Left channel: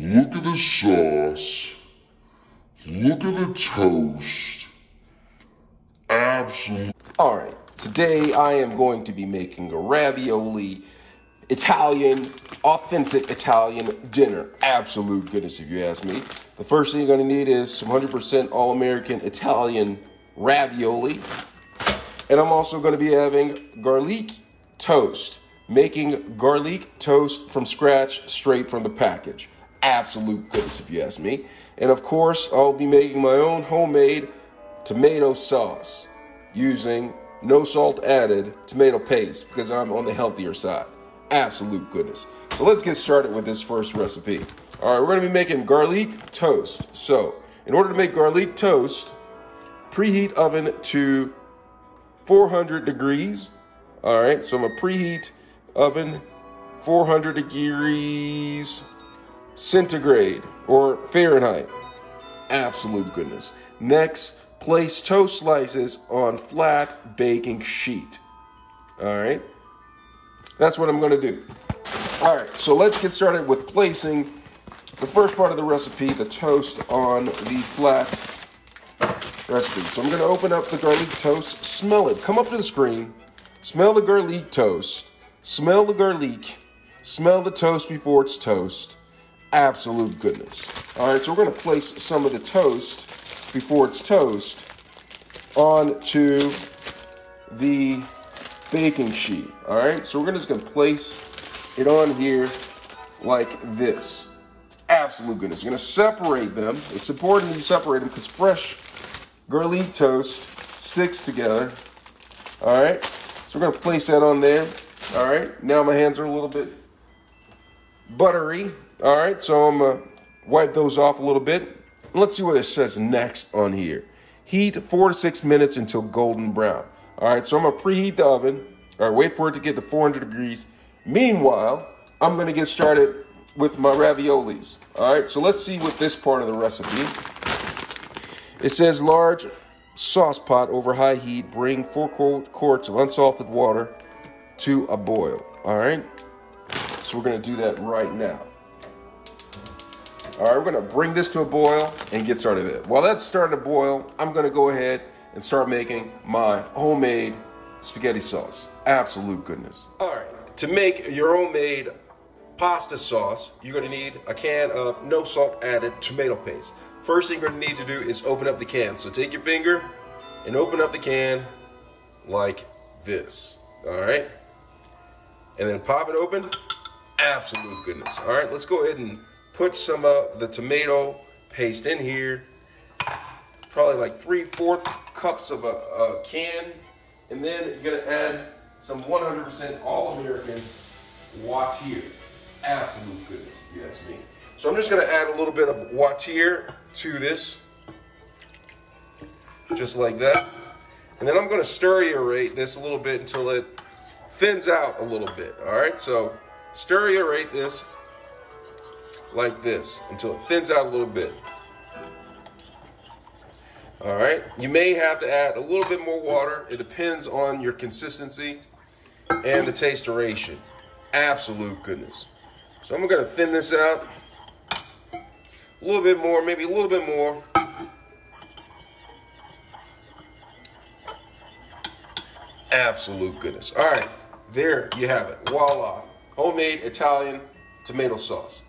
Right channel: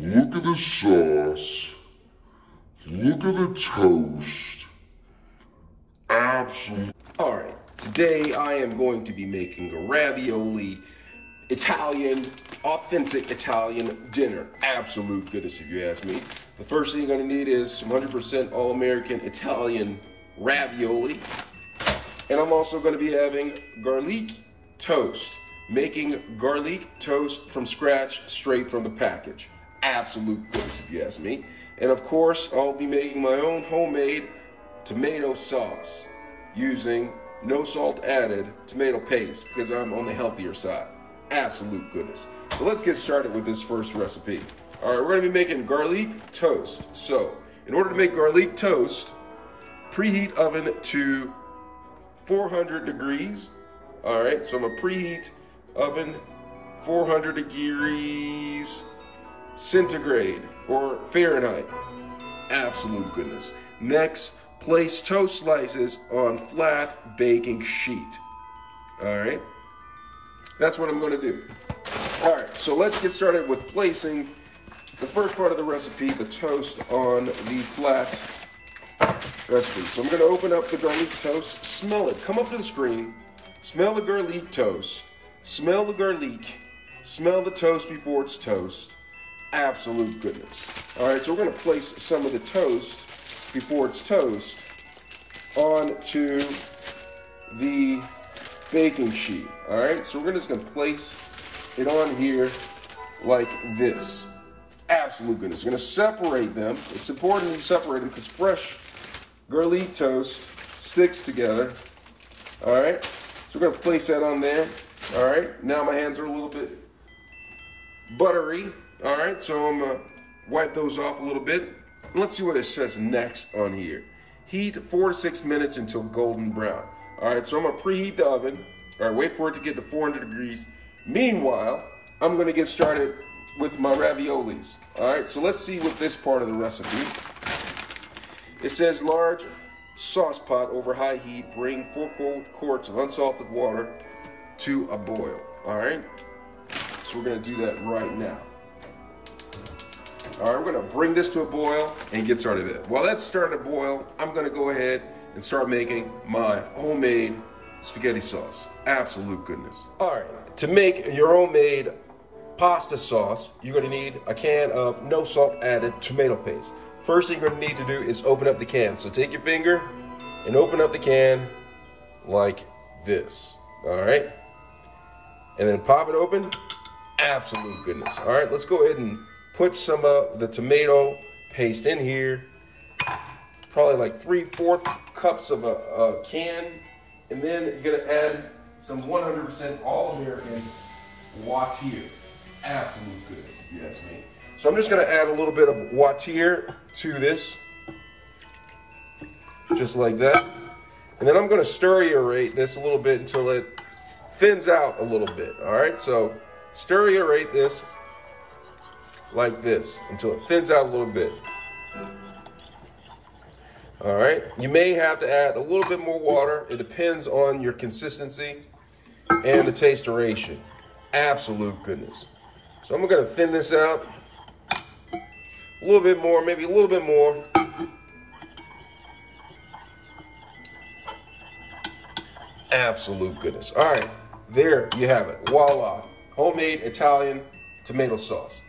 Look at the sauce. Look at the toast. Absolutely. All right, today I am going to be making a ravioli Italian, authentic Italian dinner. Absolute goodness, if you ask me. The first thing you're gonna need is some 100% all-American Italian ravioli. And I'm also gonna be having garlic toast. Making garlic toast from scratch, straight from the package. Absolute goodness, if you ask me. And of course, I'll be making my own homemade tomato sauce using no salt added tomato paste because I'm on the healthier side. Absolute goodness. So let's get started with this first recipe. All right, we're gonna be making garlic toast. So in order to make garlic toast, preheat oven to 400 degrees. All right, so I'm gonna preheat oven 400 degrees centigrade or Fahrenheit. Absolute goodness. Next, place toast slices on flat baking sheet. All right, that's what I'm gonna do. All right, so let's get started with placing the first part of the recipe, the toast on the flat recipe. So I'm gonna open up the garlic toast, smell it, come up to the screen, smell the garlic toast, smell the garlic, smell the toast before it's toast. Absolute goodness. All right, so we're gonna place some of the toast before it's toast onto the baking sheet. All right, so we're just gonna place it on here like this. Absolute goodness. You're gonna separate them. It's important that you separate them because fresh garlic toast sticks together. All right, so we're gonna place that on there. All right, now my hands are a little bit buttery. All right, so I'm gonna wipe those off a little bit. Let's see what it says next on here. Heat 4 to 6 minutes until golden brown. All right, so I'm gonna preheat the oven. All right, wait for it to get to 400 degrees. Meanwhile, I'm gonna get started with my raviolis. All right, so let's see what this part of the recipe. It says large sauce pot over high heat. Bring 4 quarts of unsalted water to a boil. All right, so we're gonna do that right now. All right, we're gonna bring this to a boil and get started there. While that's starting to boil, I'm gonna go ahead and start making my homemade spaghetti sauce. Absolute goodness. All right, to make your homemade pasta sauce, you're gonna need a can of no salt added tomato paste. First thing you're gonna need to do is open up the can. So take your finger and open up the can like this, all right? And then pop it open. Absolute goodness. All right, let's go ahead and put some of the tomato paste in here. Probably like 3/4 cups of a can. And then you're gonna add some 100% all-American Watir. Absolute goodness, if you ask me. So I'm just gonna add a little bit of Watir to this. Just like that. And then I'm gonna stir-aerate this a little bit until it thins out a little bit, all right? So stir-aerate this like this until it thins out a little bit. All right, you may have to add a little bit more water. It depends on your consistency and the taste duration. Absolute goodness. So I'm gonna thin this out a little bit more, maybe a little bit more. Absolute goodness. All right, there you have it. Voila, homemade Italian tomato sauce.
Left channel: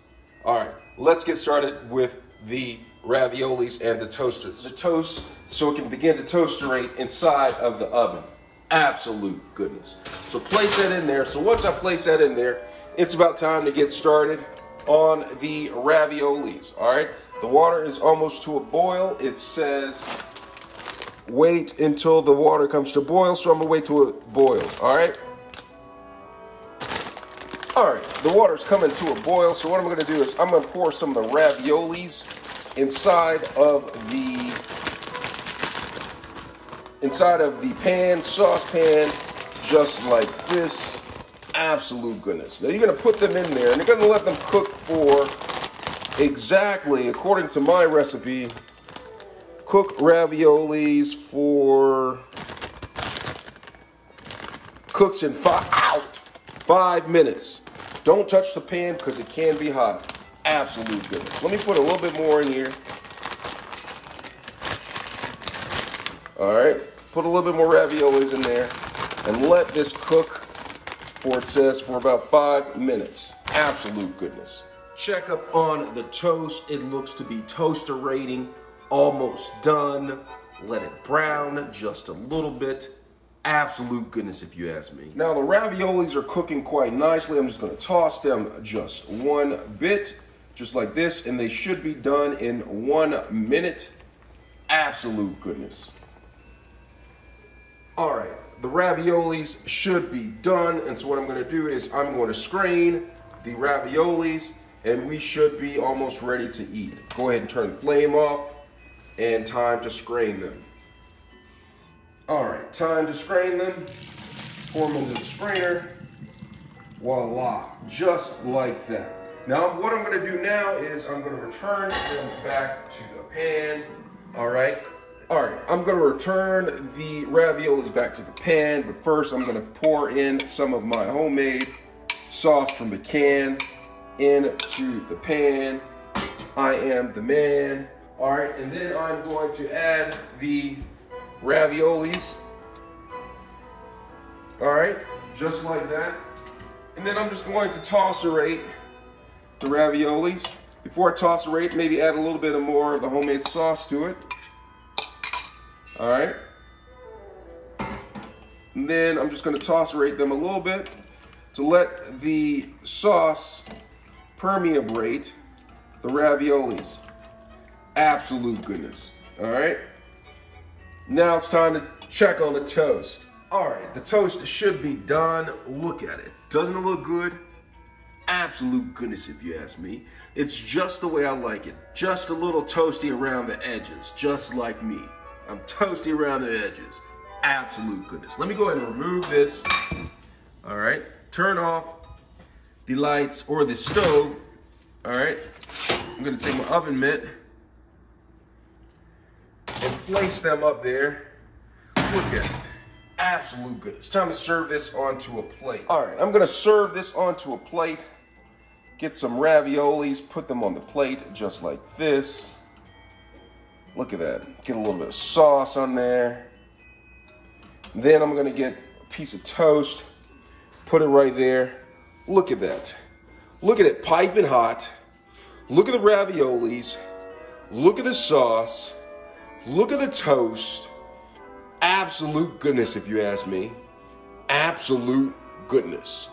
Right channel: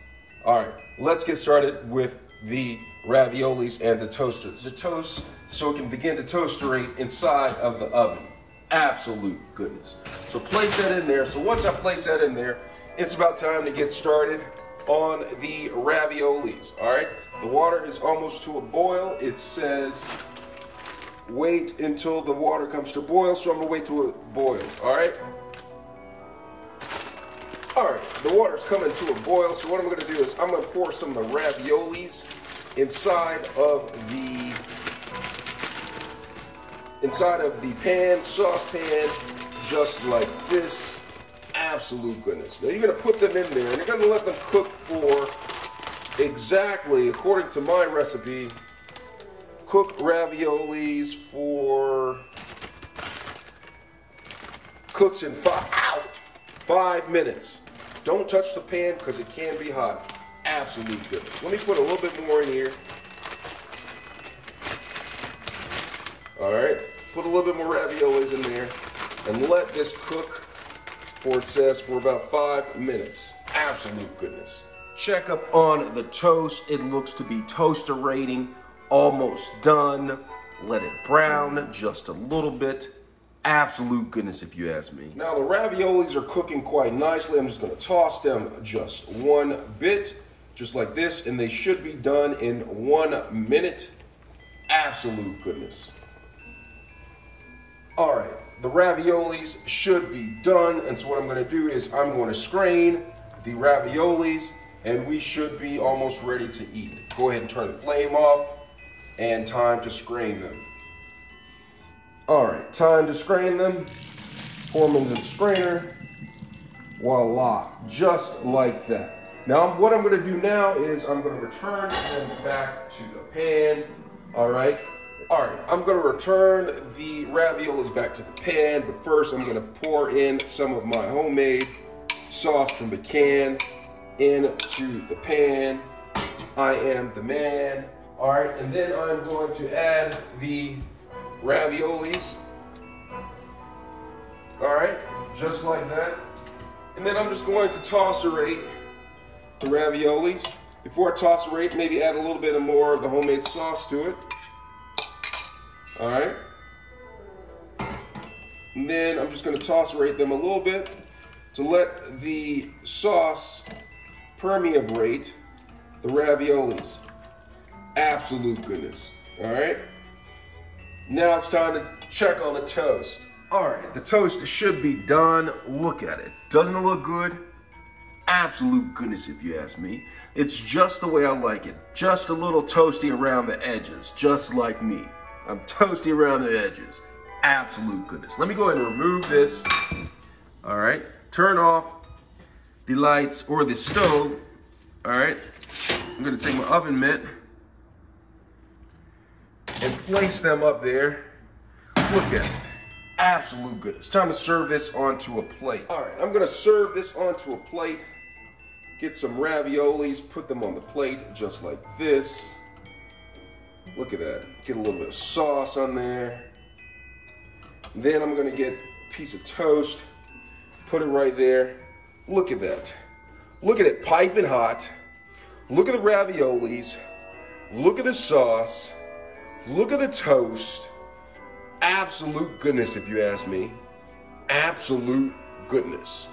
All right, let's get started with the raviolis and the toasters. The toast, so it can begin to toasterate inside of the oven. Absolute goodness. So place that in there. So once I place that in there, it's about time to get started on the raviolis, all right? The water is almost to a boil. It says wait until the water comes to boil, so I'm gonna wait till it boils, all right? All right, the water's coming to a boil, so what I'm gonna do is I'm gonna pour some of the raviolis inside of the pan, saucepan, just like this. Absolute goodness. Now you're gonna put them in there and you're gonna let them cook for exactly, according to my recipe, cook raviolis for, cooks in 5 minutes. Don't touch the pan because it can be hot. Absolute goodness. Let me put a little bit more in here. All right, put a little bit more raviolis in there and let this cook for, it says, for about 5 minutes. Absolute goodness. Check up on the toast. It looks to be toaster rating, almost done. Let it brown just a little bit. Absolute goodness, if you ask me. Now the raviolis are cooking quite nicely. I'm just gonna toss them just one bit, just like this, and they should be done in 1 minute. Absolute goodness. All right, the raviolis should be done, and so what I'm gonna do is I'm gonna strain the raviolis, and we should be almost ready to eat. Go ahead and turn the flame off, and time to strain them. All right, time to strain them. Pour them into the strainer. Voila, just like that. Now, what I'm gonna do now is I'm gonna return them back to the pan. All right, I'm gonna return the raviolis back to the pan, but first I'm gonna pour in some of my homemade sauce from the can into the pan. I am the man. All right, and then I'm going to add the raviolis. All right, just like that. And then I'm just going to tosserate the raviolis. Before I tosserate, maybe add a little bit more of the homemade sauce to it. All right. And then I'm just going to tosserate them a little bit to let the sauce permeate the raviolis. Absolute goodness. All right. Now it's time to check on the toast. All right, the toast should be done. Look at it. Doesn't it look good? Absolute goodness, if you ask me. It's just the way I like it. Just a little toasty around the edges, just like me. I'm toasty around the edges. Absolute goodness. Let me go ahead and remove this. All right, turn off the lights or the stove. All right, I'm gonna take my oven mitt and place them up there. Look at it. Absolute good. It's time to serve this onto a plate. All right, I'm gonna serve this onto a plate. Get some raviolis, put them on the plate just like this. Look at that. Get a little bit of sauce on there. Then I'm gonna get a piece of toast, put it right there. Look at that. Look at it, piping hot. Look at the raviolis. Look at the sauce. Look at the toast. Absolute goodness, if you ask me. Absolute goodness.